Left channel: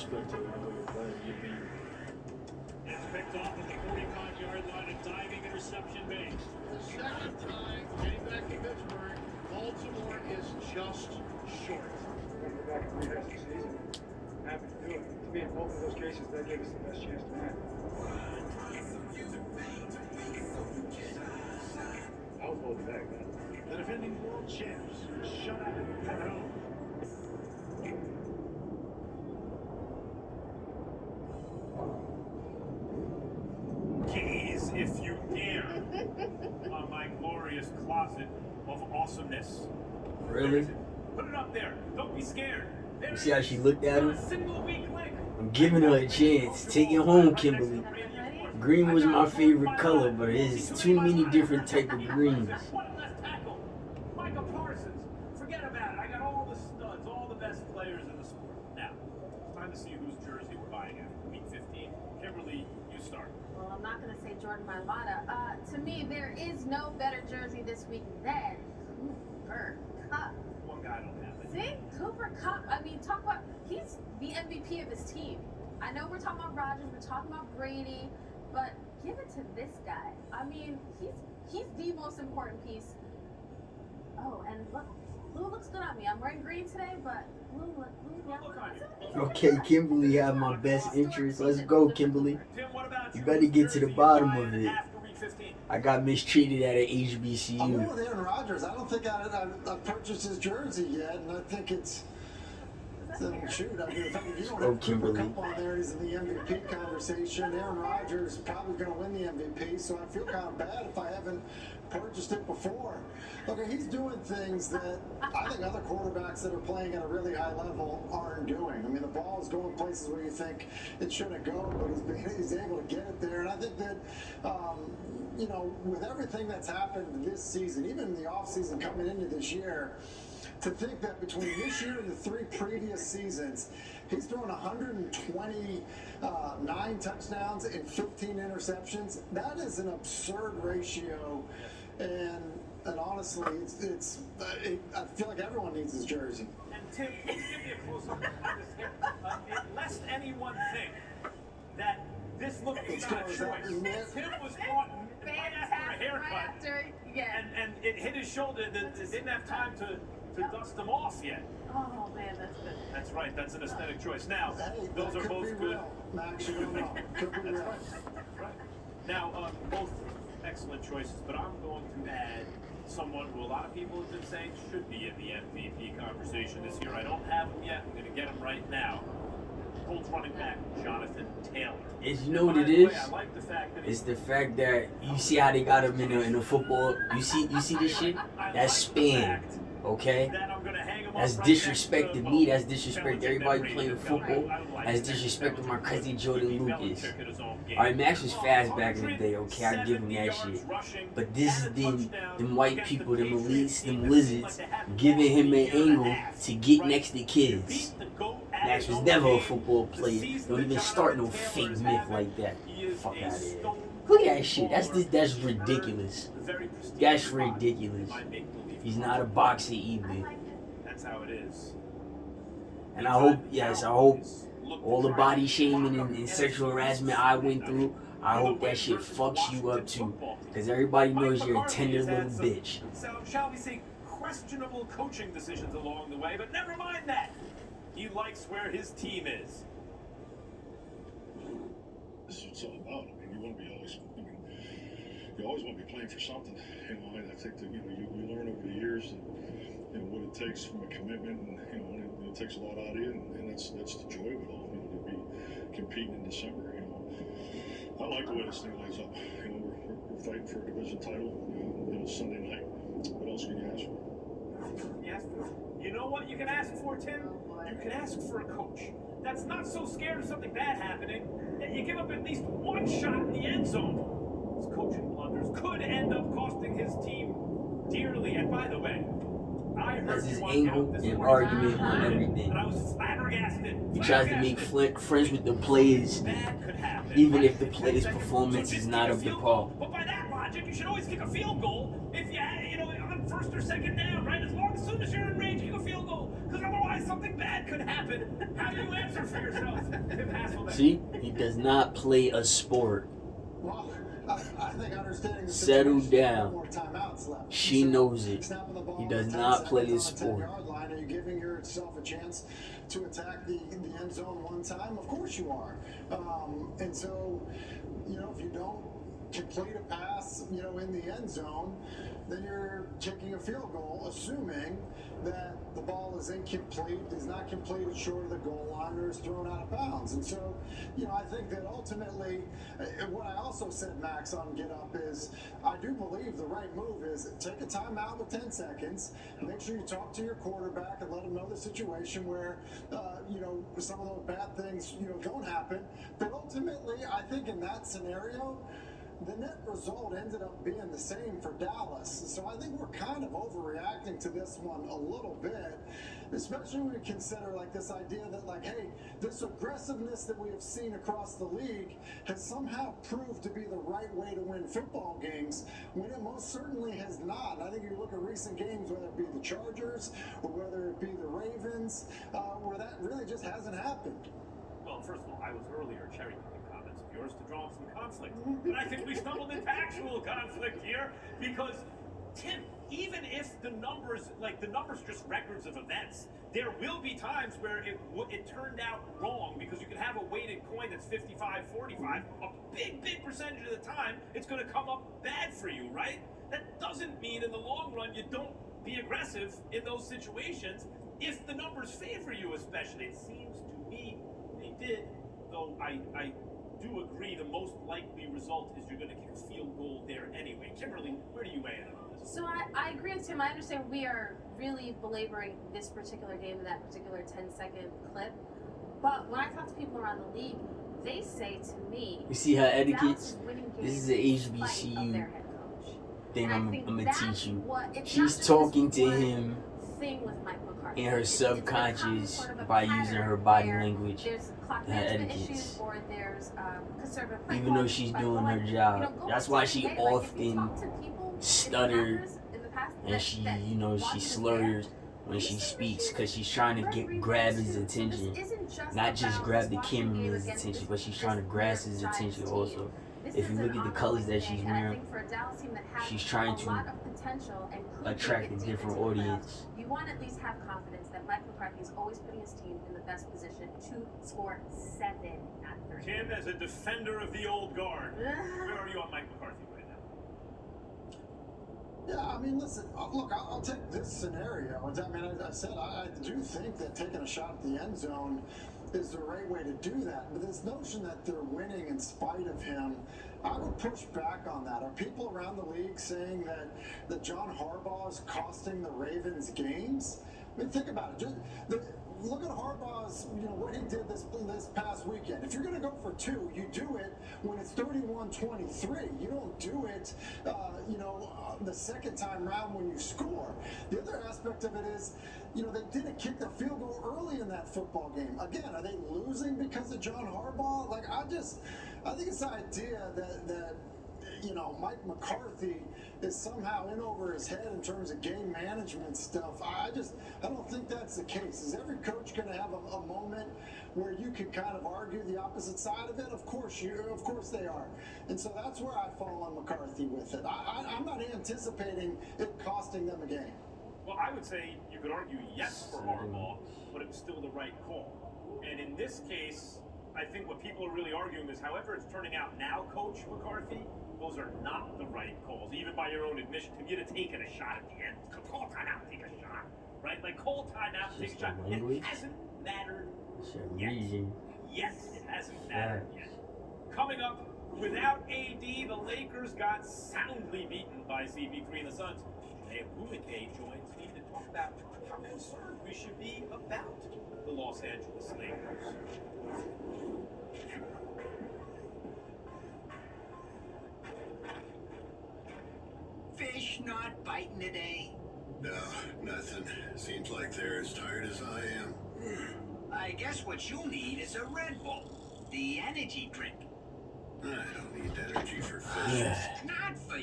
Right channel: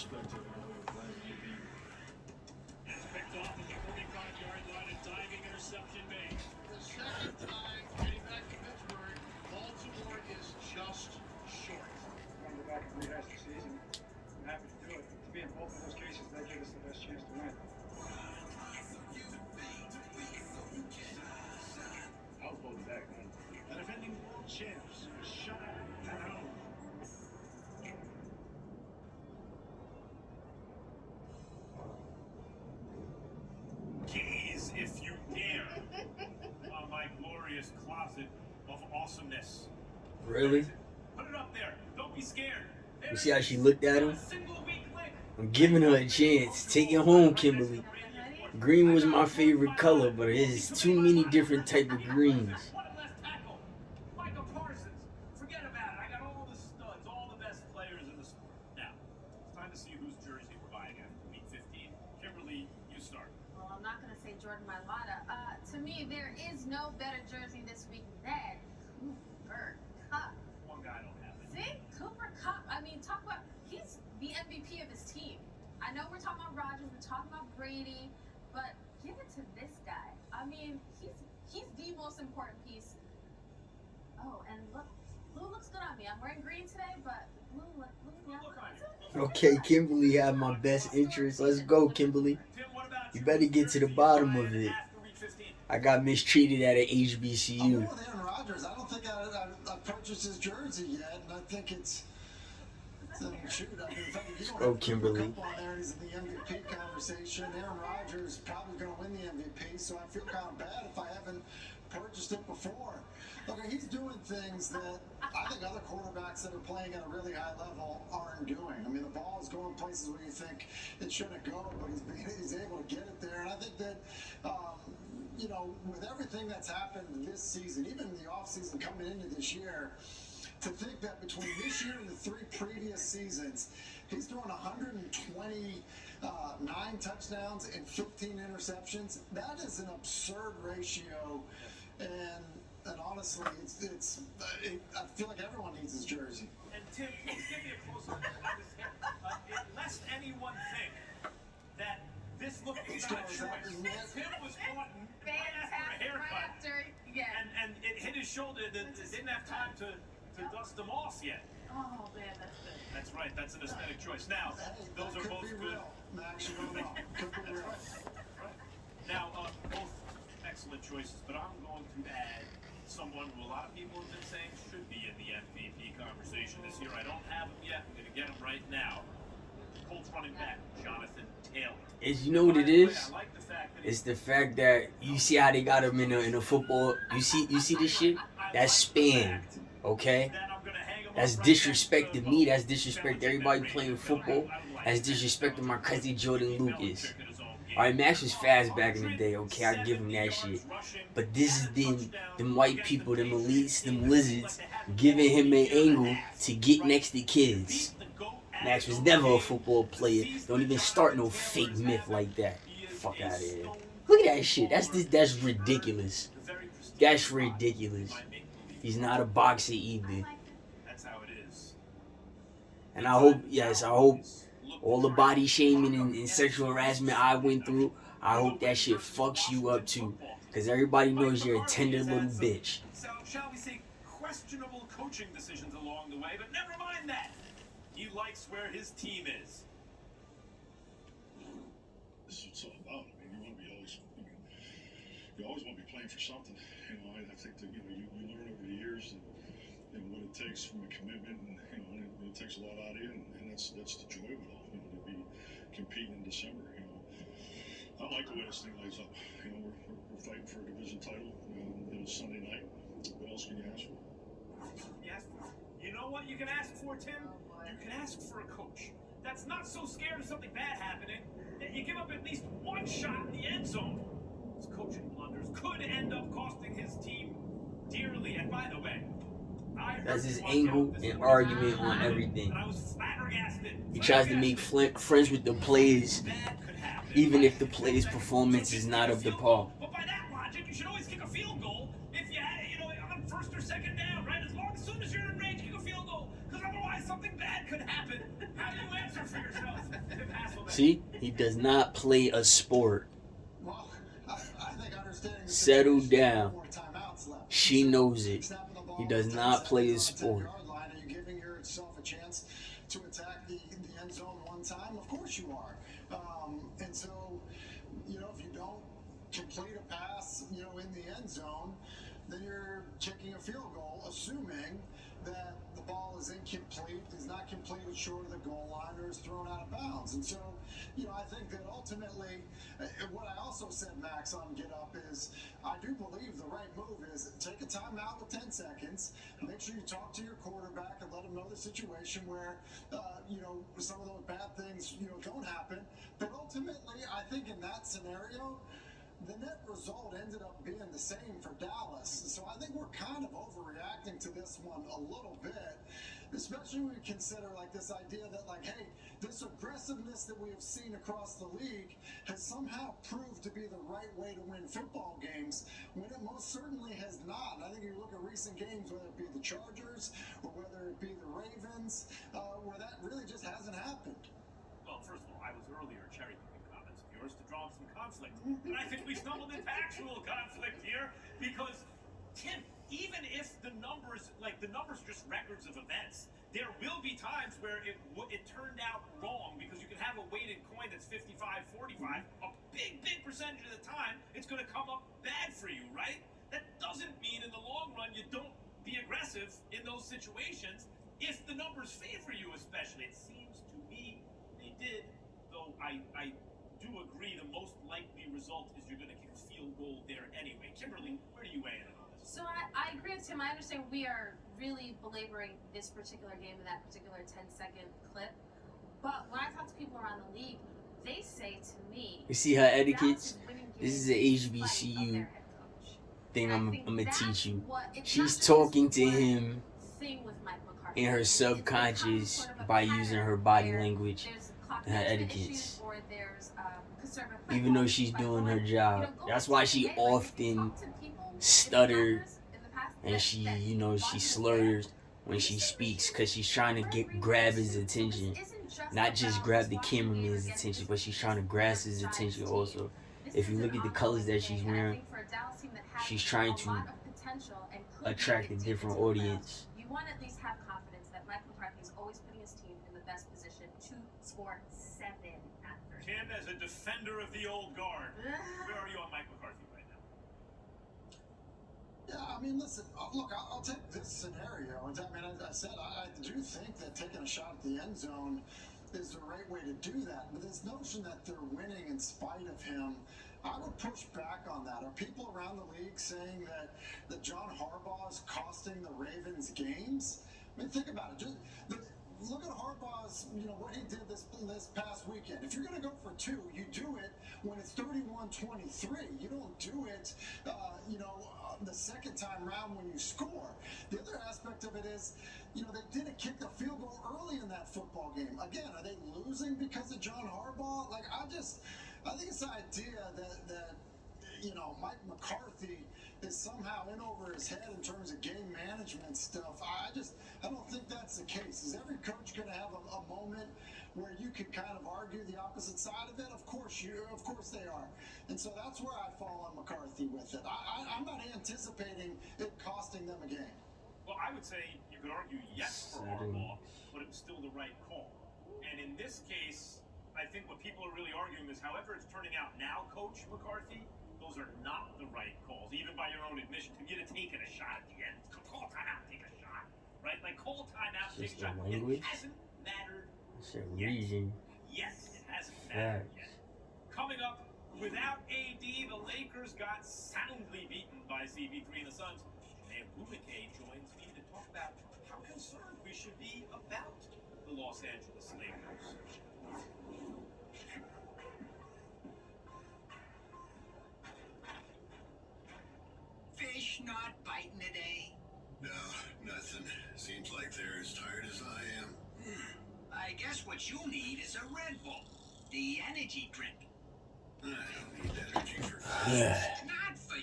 respect to the way they play. It's picked off at the 45-yard line, a diving interception made. The second time getting back to Pittsburgh, Baltimore is just short. We're going to go back and rehash the season. I'm happy to do it. To me, in both of those cases, that gave us the best chance to win. I was holding back, man. The defending world champs shut out at home. Gaze, if you dare, on my glorious closet of awesomeness. Really? Put it up there. Don't be scared. You see how she looked at him? A single weak link. I'm giving her a chance. Take it home, Kimberly. Green was my favorite color, but there's too many different type of greens. What left tackle? Micah Parsons. Forget about it. I got all the studs, all the best players in the sport. Now, it's time to see whose jersey we're buying after week 15. Kimberly, you start. Well, I'm not going to say Jordan Mailata. To me, there is no better jersey this week than Cooper Kupp. One guy don't have it. See? Cooper Kupp. I mean, talk about, he's the MVP of his team. I know we're talking about Rodgers, we're talking about Brady, but give it to this guy. I mean, he's the most important piece. Oh, and look, blue looks good on me. I'm wearing green today, but blue, yeah. Okay, Kimberly had my best interest. Let's go, Kimberly. Tim, what about You better get to the bottom of it. after week 15? I got mistreated at an I'm going HBCU. with Aaron Rodgers. I don't think I've purchased his jersey yet, and I think it's. Shoot, I mean, if you don't Oh, have Cooper Kimberly. Kupp on there, he's in the MVP conversation. Aaron Rodgers probably going to win the MVP, so I feel kind of bad if I haven't purchased it before. Look, he's doing things that I think other quarterbacks that are playing at a really high level aren't doing. I mean, the ball is going places where you think it shouldn't go, but he's able to get it there. And I think that, you know, with everything that's happened this season, even in the offseason coming into this year, to think that between this year and the 3 previous seasons, he's doing 129 touchdowns and 15 interceptions. That is an absurd ratio, and honestly, I feel like everyone needs his jersey. And Tim, please give me a close-up on this here. Lest anyone think that this look was not a choice. Tim was caught right after a haircut, and it hit his shoulder. It didn't have time to dust them off yet. Oh, man, that's good. That's right. That's an aesthetic choice. Now, Hey, those that are could both be good. real, Max. You don't know. Could be That's real. right. Now, both excellent choices, but I'm going to add someone who a lot of people have been saying should be in the MVP conversation this year. I don't have him yet. I'm going to get him right now. Colts running back Jonathan Taylor. Is you know what it By the way, is? I like the fact that It's the fact that you see how they got him in a football. You see this shit? That's spam, okay? That's disrespecting me. That's disrespecting everybody playing football. That's disrespecting my cousin Jordan Lucas. Alright, Max was fast back in the day, okay? I give him that shit. But this is them white people, them elites, them lizards, giving him an angle to get next to kids. Max was never a football player. Don't even start no fake myth like that. Fuck out of here. Look at that shit. That's ridiculous. That's ridiculous. He's not a boxer either. That's how it is. And I hope all the body shaming and sexual harassment I went through, I hope that shit fucks you up too. Because everybody knows you're a tender little bitch. So, shall we say, questionable coaching decisions along the way, but never mind that. He likes where his team is. This is what it's all about. I mean, you want to be always. I mean, you always want to be playing for something. You know, I think that you learn over the years that what it takes from a commitment, and and it takes a lot out of you, and that's the joy of it all. To be competing in December. I like the way this thing lays up. We're fighting for a division title. Sunday night. What else can you ask for? You know what you can ask for, Tim? You can ask for a coach that's not so scared of something bad happening that you give up at least one shot in the end zone. His coaching blunders could end up costing his team dearly. And by the way, I heard That's his one angle count this and morning, argument on everything. and I was flabbergasted. He tries to make friends with the players, That could happen. even if the players' performance is not up to par. But by that logic, you should always kick a field goal if you on first or second down, right? As soon as you're in range, kick a field goal. Because otherwise, Otherwise, something bad could happen. How do you answer for yourself, Tim Hasselbeck? See, he does not play a sport. Well, I think understanding the Settle situation, down. more timeouts left. She So, knows it. snapping the ball He does with 10 not play a seconds on the sport. 10-yard line, are you giving yourself a chance to attack the end zone one time? Of course you are. And so, if you don't complete a pass, in the end zone, then you're kicking a field goal, assuming that the ball is incomplete, is not completed short of the goal line, or is thrown out of bounds. And so, I think that ultimately, what I also said, Max, on Get Up is I do believe the right move is take a timeout with 10 seconds, make sure you talk to your quarterback and let him know the situation where, some of those bad things, don't happen. But ultimately, I think in that scenario, the net result ended up being the same for Dallas. So I think we're kind of overreacting to this one a little bit, especially when we consider this idea that hey, this aggressiveness that we have seen across the league has somehow proved to be the right way to win football games, when it most certainly has not. And I think if you look at recent games, whether it be the Chargers or whether it be the Ravens, where that really just hasn't happened. Well, first of all, I was earlier cherry-picking comments of yours to draw up some conflict. And I think we stumbled into actual conflict here because, Tim, even if the numbers are just records of events, there will be times where it turned out wrong because you can have a weighted coin that's 55-45. A big percentage of the time, it's going to come up bad for you, right? That doesn't mean in the long run you don't be aggressive in those situations if the numbers favor you, especially. It seems to me they did, though I do agree the most likely result is you're going to kick a field goal there anyway. Kimberly, where do you weigh in on this? So I agree with Tim. I understand we are really belaboring this particular game in that particular 10-second clip. But when I talk to people around the league, they say to me, You see her Dallas etiquettes? is winning This is games an in spite of HBCU their head coach. thing And I I'm think gonna that's teach you. what- it's not She's just talking this to one him thing with Mike McCarthy. in her It's becoming subconscious sort of a by using her pattern body where language. There's clock and her management etiquettes. issues, or there's conservative play Even though calling she's by doing going, her job. go That's with why something she they like. If you often talk to people in stuttered Packers in the past and that- she, that she wasn't slurs there, when she this speaks is because she's trying to grab his attention. Not just grab the cameraman's attention, but she's trying to grasp his attention also. If you look at the colors that she's wearing, she's trying to attract a different audience. You want to at least have confidence that Mike McCarthy is always putting his team in the best position to score 7 at 30. Tim, as a defender of the old guard, where are you on Mike McCarthy right now? Yeah, I mean, listen, look, I'll take this scenario. I mean, as I said, I do think that taking a shot at the end zone is the right way to do that. But this notion that they're winning in spite of him, I would push back on that. Are people around the league saying that John Harbaugh is costing the Ravens games? I mean, think about it. Look at Harbaugh's, what he did this past weekend. If you're going to go for 2, you do it when it's 31-23. You don't do it, the second time round when you score. The other aspect of it is, they didn't kick the field goal early in that football game. Again, are they losing because of John Harbaugh? I think it's the idea that Mike McCarthy is somehow in over his head in terms of game management stuff. I don't think that's the case. Is every coach going to have a moment where you can kind of argue the opposite side of it? Of course they are. And so that's where I fall on McCarthy with it. I'm not anticipating it costing them a game. Well, I would say you could argue yes for Harbaugh, but it was still the right call. And in this case, I think what people are really arguing is, however it's turning out now, Coach McCarthy, those are not the right calls, even by your own admission. To get a taken a shot at the end, call timeout, take a shot, right? Call timeout, take a shot. It hasn't mattered yet. Yes, it hasn't mattered yet. Coming up, without AD, the Lakers got soundly beaten by CP3 and the Suns. Naya Bumake joins me to talk about how concerned we should be about the Los Angeles Lakers. Fish not biting today? No, nothing. Seems like they're as tired as I am. I guess what you need is a Red Bull, the energy drink. I don't need energy for fish. Not for